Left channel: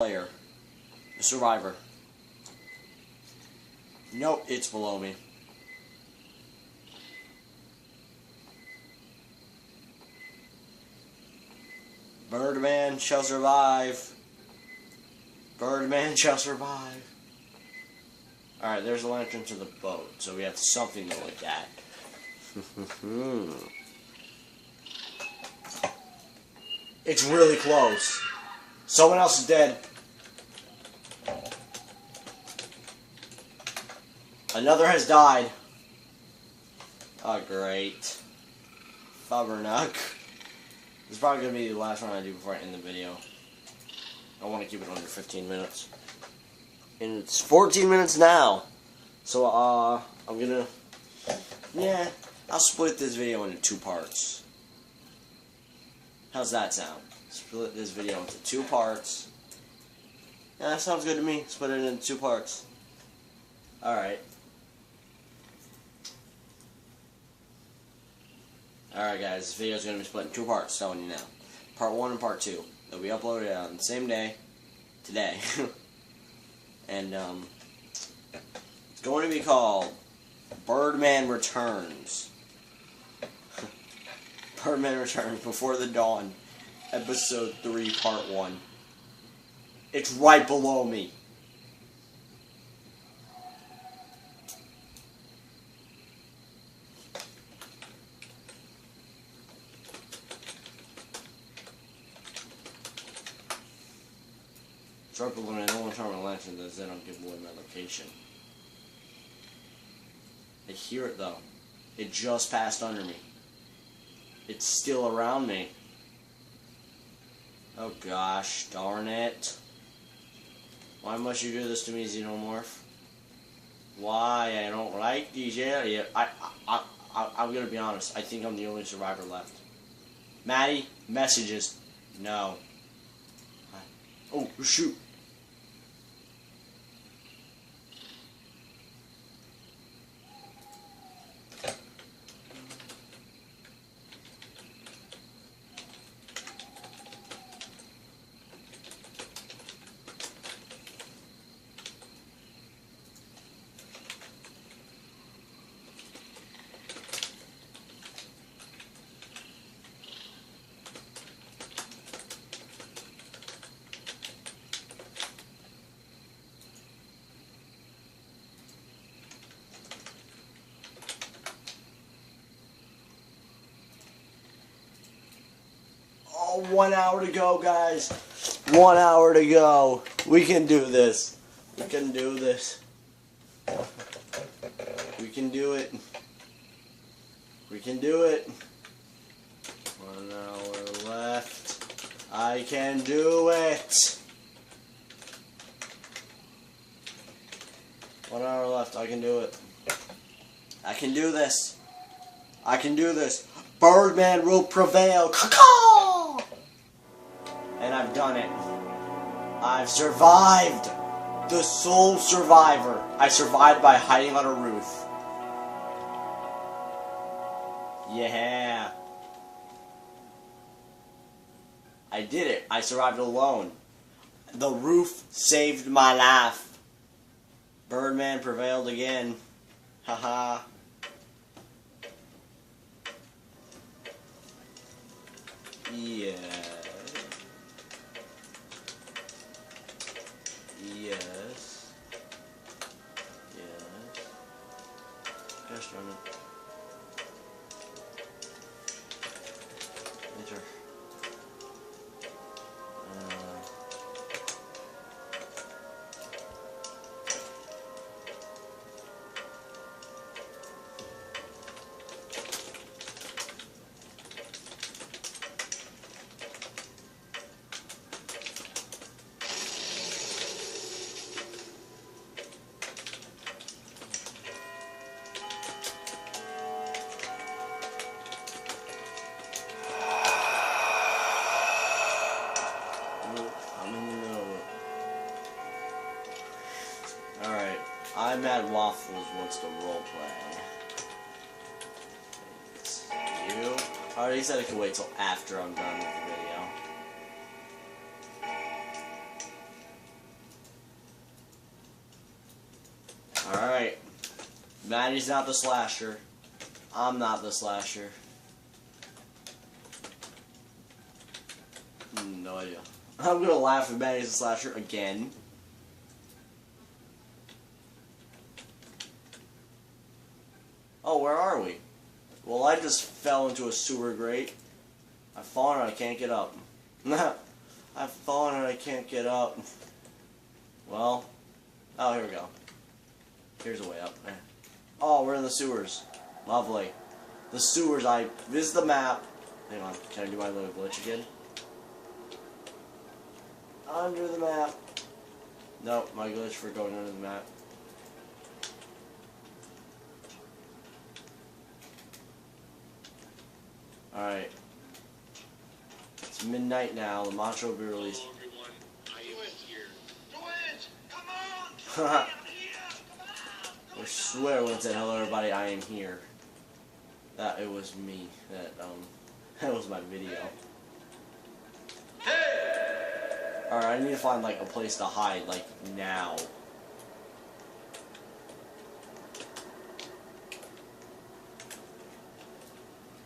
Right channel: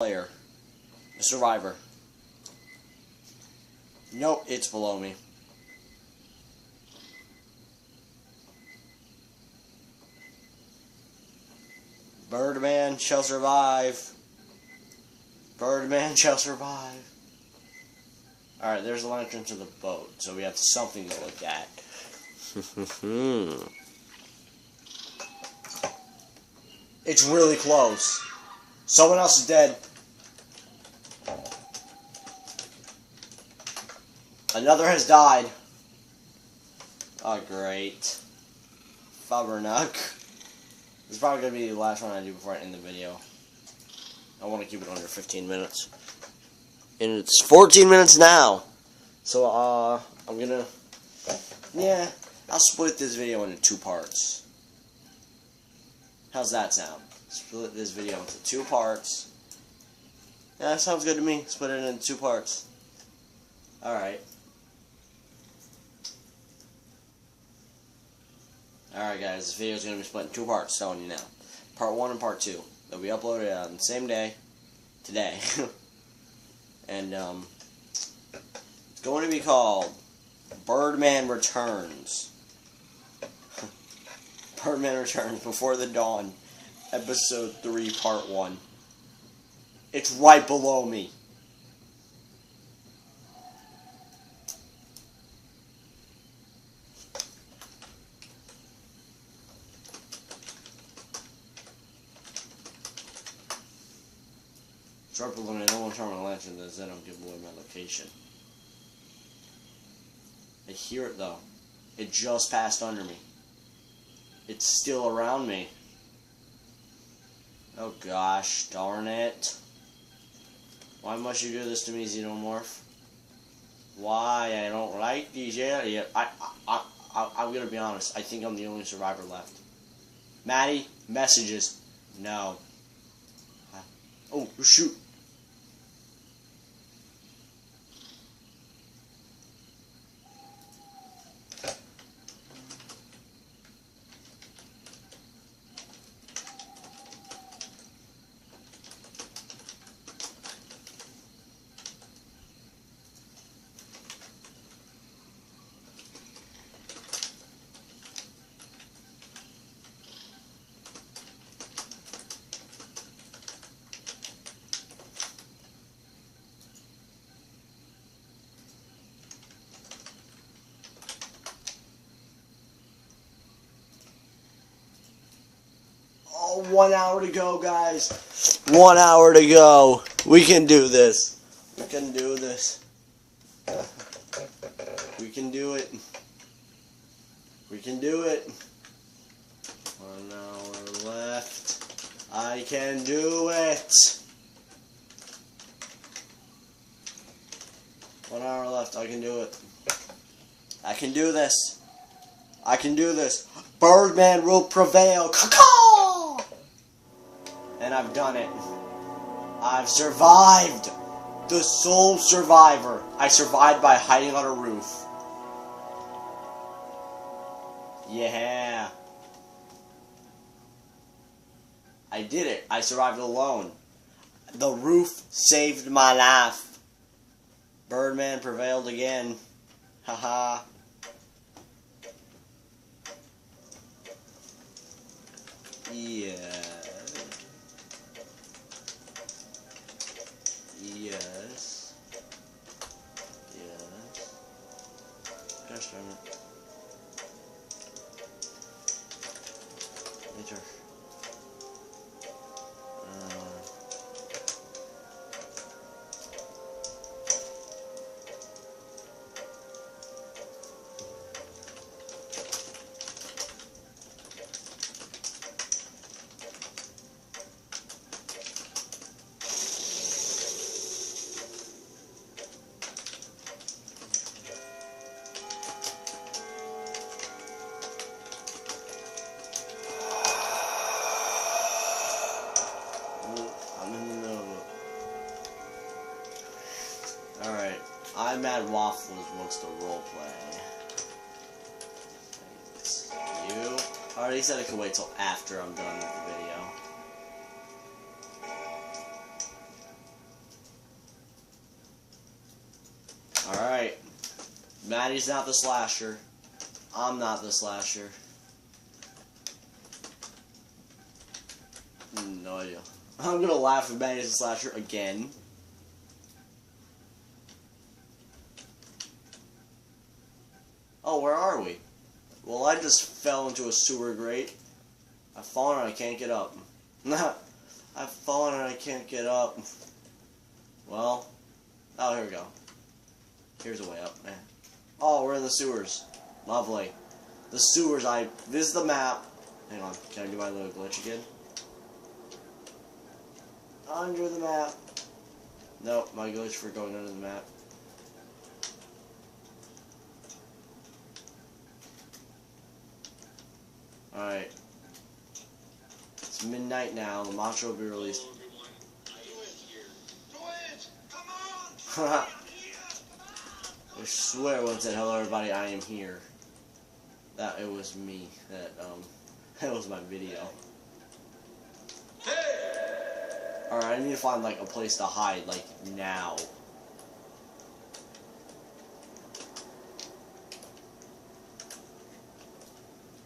player. The survivor. Nope, it's below me. Birdman shall survive. Birdman shall survive. Alright, there's the entrance to the boat, so we have something to look at. It's really close. Someone else is dead. Another has died. Oh, great. Fubbernuck. This is probably going to be the last one I do before I end the video. I want to keep it under 15 minutes. And it's 14 minutes now. So, I'm going to... Yeah, I'll split this video into 2 parts. How's that sound? Split this video into 2 parts. Yeah, that sounds good to me. Split it into 2 parts. Alright. Alright guys, this video is going to be split in 2 parts, telling you now. Part 1 and Part 2. They'll be uploaded on the same day, today. And, it's going to be called Birdman Returns. Birdman Returns Before the Dawn, Episode 3, Part 1. It's right below me. Drop the limit, I don't want to turn my lantern, then I don't give away my location. I hear it though. It just passed under me. It's still around me. Oh gosh, darn it. Why must you do this to me, Xenomorph? Why? I don't like these areas. I'm gonna be honest, I think I'm the only survivor left. Maddie, messages. No. Oh, shoot. Oh, 1 hour to go, guys. 1 hour to go. We can do this. We can do this. We can do it. We can do it. 1 hour left. I can do it. 1 hour left. I can do it. I can do this. I can do this. Birdman will prevail. Caw-caw! And I've done it. I've survived. The sole survivor. I survived by hiding on a roof. Yeah. I did it. I survived alone. The roof saved my life. Birdman prevailed again. Haha. Yeah. Yes. Yes. Just a minute. Enter. Alright, I'm at Waffles wants to roleplay. You? I already said I could wait till after I'm done with the video. Maddie's not the slasher. I'm not the slasher. No idea. I'm gonna laugh if Maddie's the slasher again. Oh, where are we? Well, I just fell into a sewer grate. I've fallen and I can't get up. I've fallen and I can't get up. Well, oh, here we go. Here's a way up. Oh, we're in the sewers. Lovely. The sewers, this is the map. Hang on, can I do my little glitch again? Under the map. No, my glitch for going under the map. Alright. It's midnight now. The Macho will be released. I swear when it said hello everybody, I am here. That it was me. That was my video. Alright, I need to find like a place to hide, like now.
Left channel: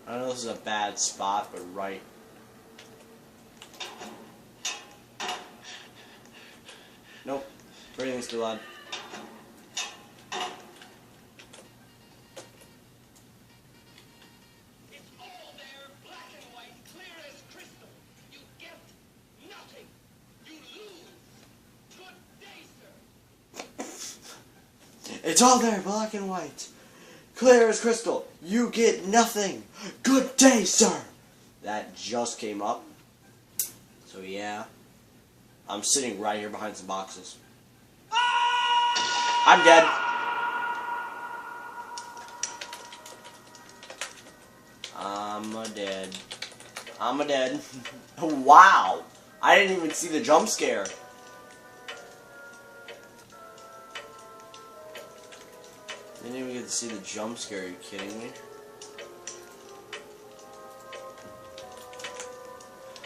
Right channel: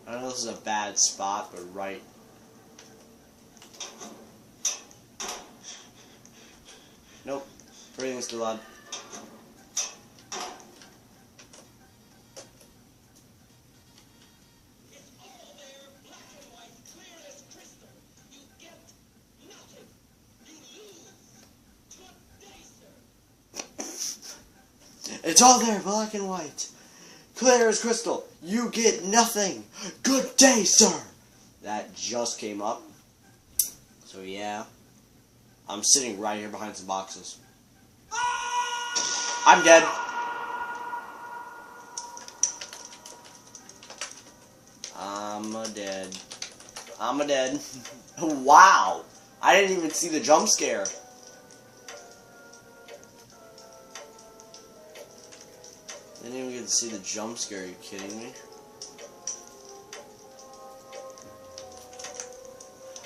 I know this is a bad spot, but right. Nope. Breathing's too loud. It's all there, black and white, clear as crystal. You get nothing. You lose. Good day, sir. It's all there, black and white. Clear as crystal. You get nothing. Good day, sir. That just came up. So yeah. I'm sitting right here behind some boxes. I'm dead. I'm a dead. Wow. I didn't even see the jump scare. Didn't even get to see the jump scare, are you kidding me?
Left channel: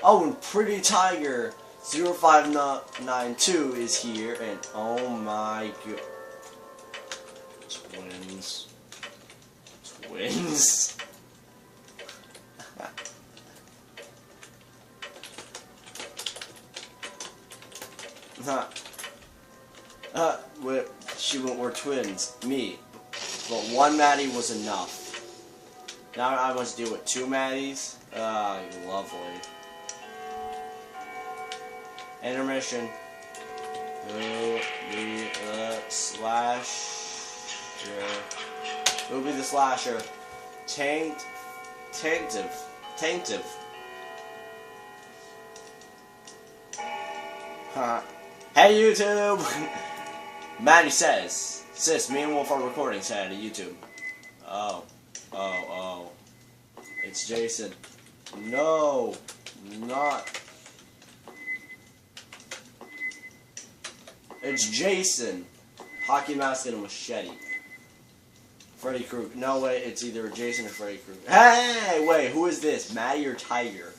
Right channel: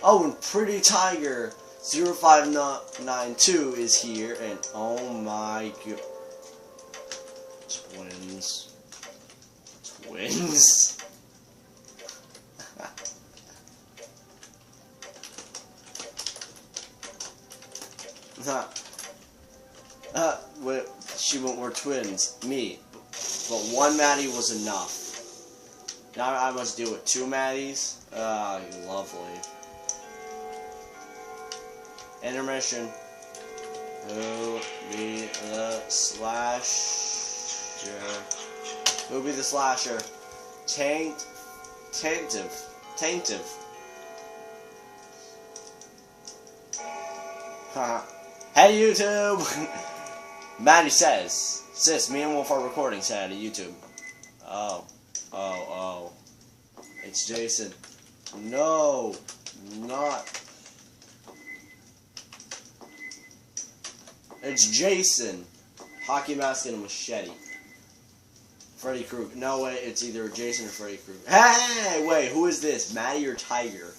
Oh, and Pretty Tiger 0592 is here, and oh my god. Twins. Twins. We're twins. Me. But one Maddie was enough. Now I must deal with two Maddies. Lovely. Intermission. Who be the slasher? Who be the slasher? Taintive. Huh. Hey YouTube! Maddie says, sis, me and Wolf are recording, said to YouTube. Oh. It's Jason. No, not. It's Jason. Hockey mask and a machete. Freddy Krueger. No way, it's either Jason or Freddy Krueger. Hey, wait, who is this? Maddie or Tiger?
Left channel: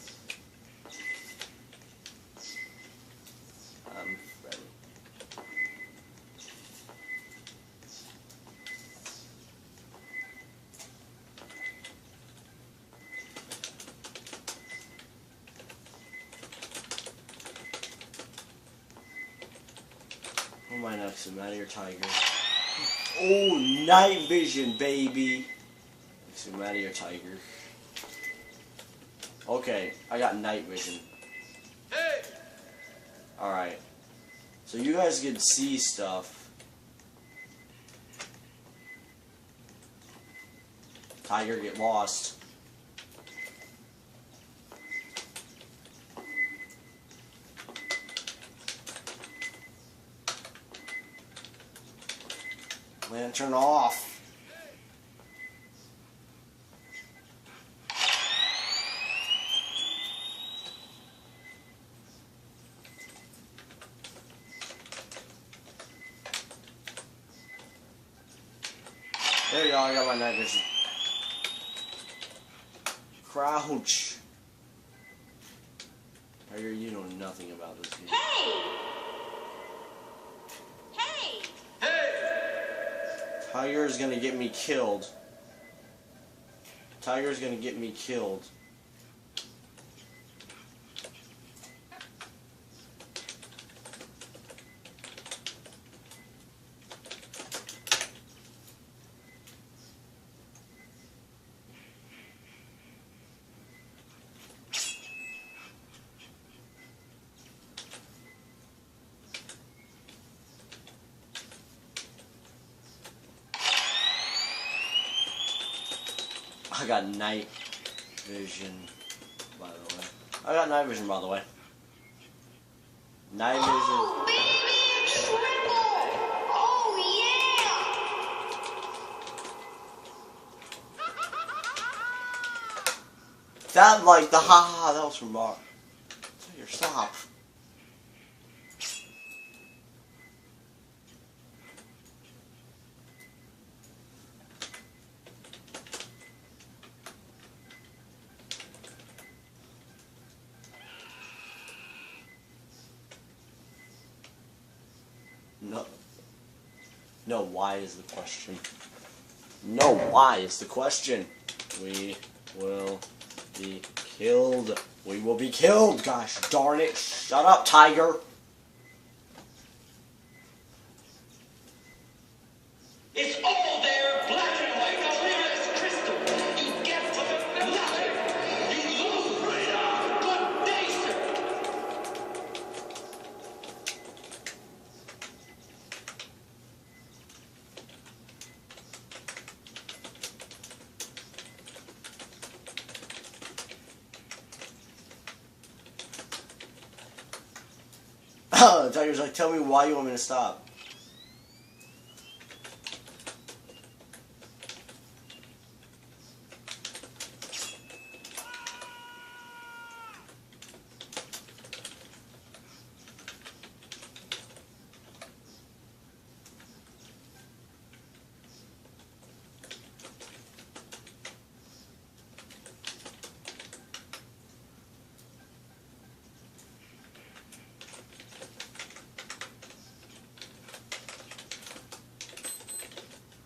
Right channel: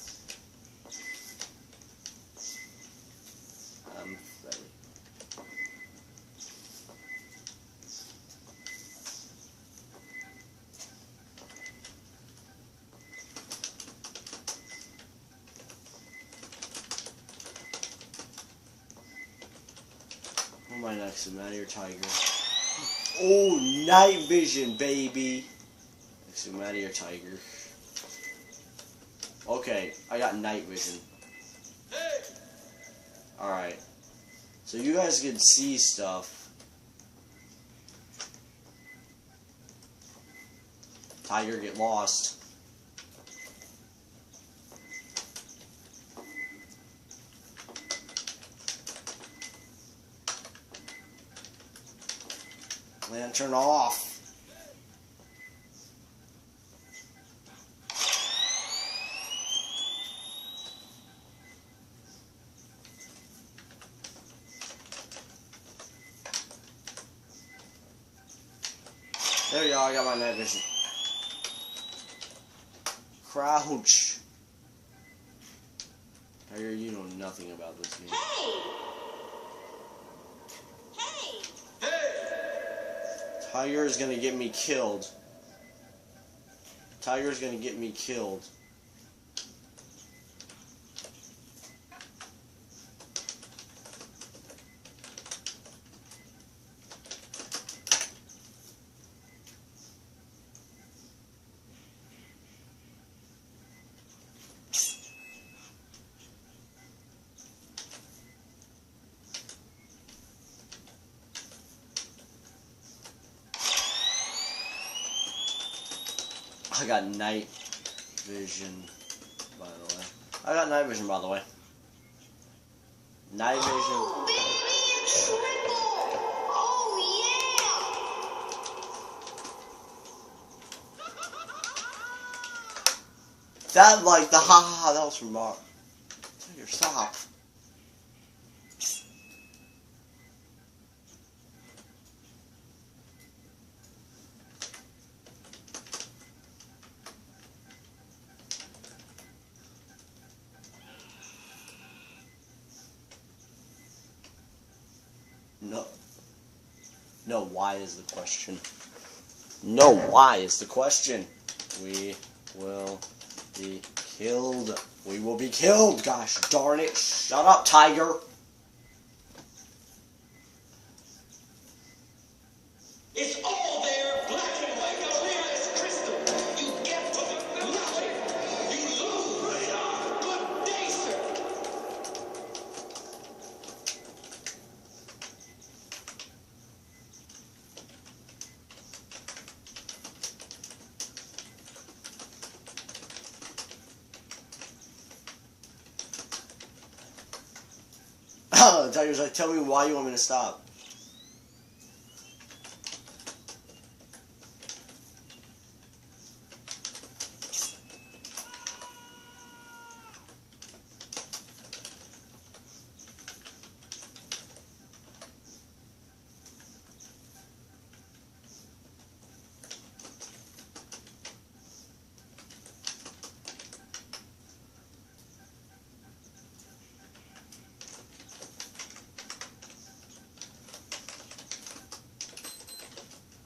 Freddy. Who am I next to, Maddie or Tiger? Oh, night vision, baby. Next to Maddie or Tiger? Okay, I got night vision. Hey! Alright. So you guys can see stuff. Tiger, get lost. Lantern off. There you go, I got my night vision. Crouch. Tiger, you know nothing about this game. Hey! Hey! Tiger is gonna get me killed. Tiger is gonna get me killed. I got night vision, by the way. I got night vision, by the way. Night vision. Oh, baby, triple! Oh, yeah! That, like, the ha-ha, that was from Bar. Tiger, stop. No. No, why is the question? No, why is the question? We will be killed. We will be killed. Gosh darn it. Shut up, Tiger. It's all there, black and white, clear as crystal. You get nothing. You lose. Good day, sir. Tiger's like, tell me why you want me to stop.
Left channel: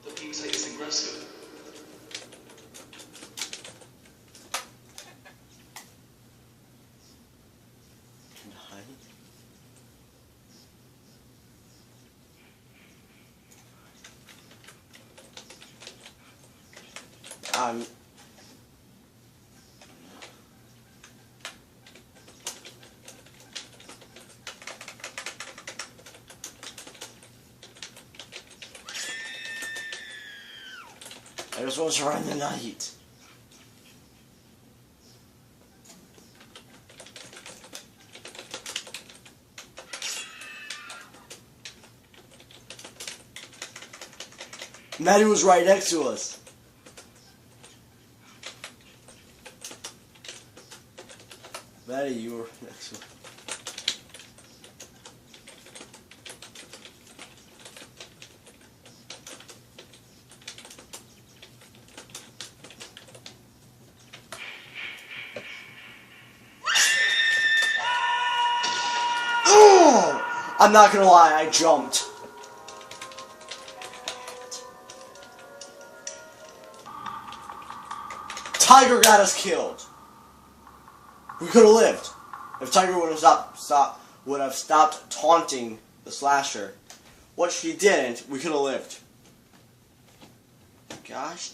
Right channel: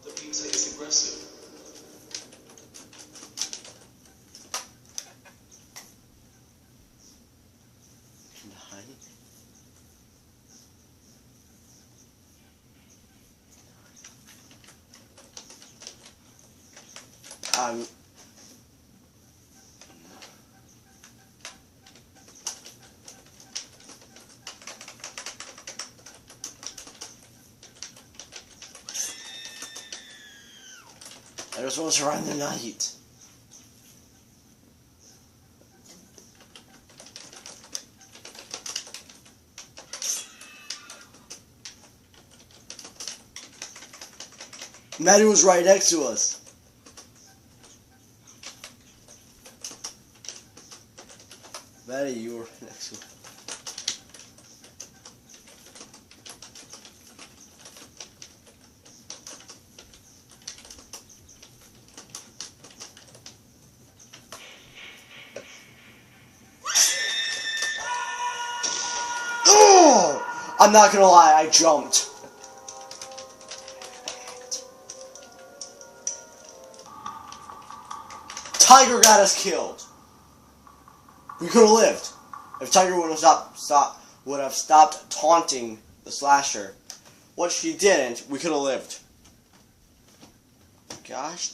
The pizza is aggressive. I just want to survive the night. Maddie was right next to us. Maddie, you were next to us. Oh! I'm not gonna lie, I jumped. Tiger got us killed. We could have lived if Tiger would have stopped taunting the slasher. What she didn't, we could have lived. Gosh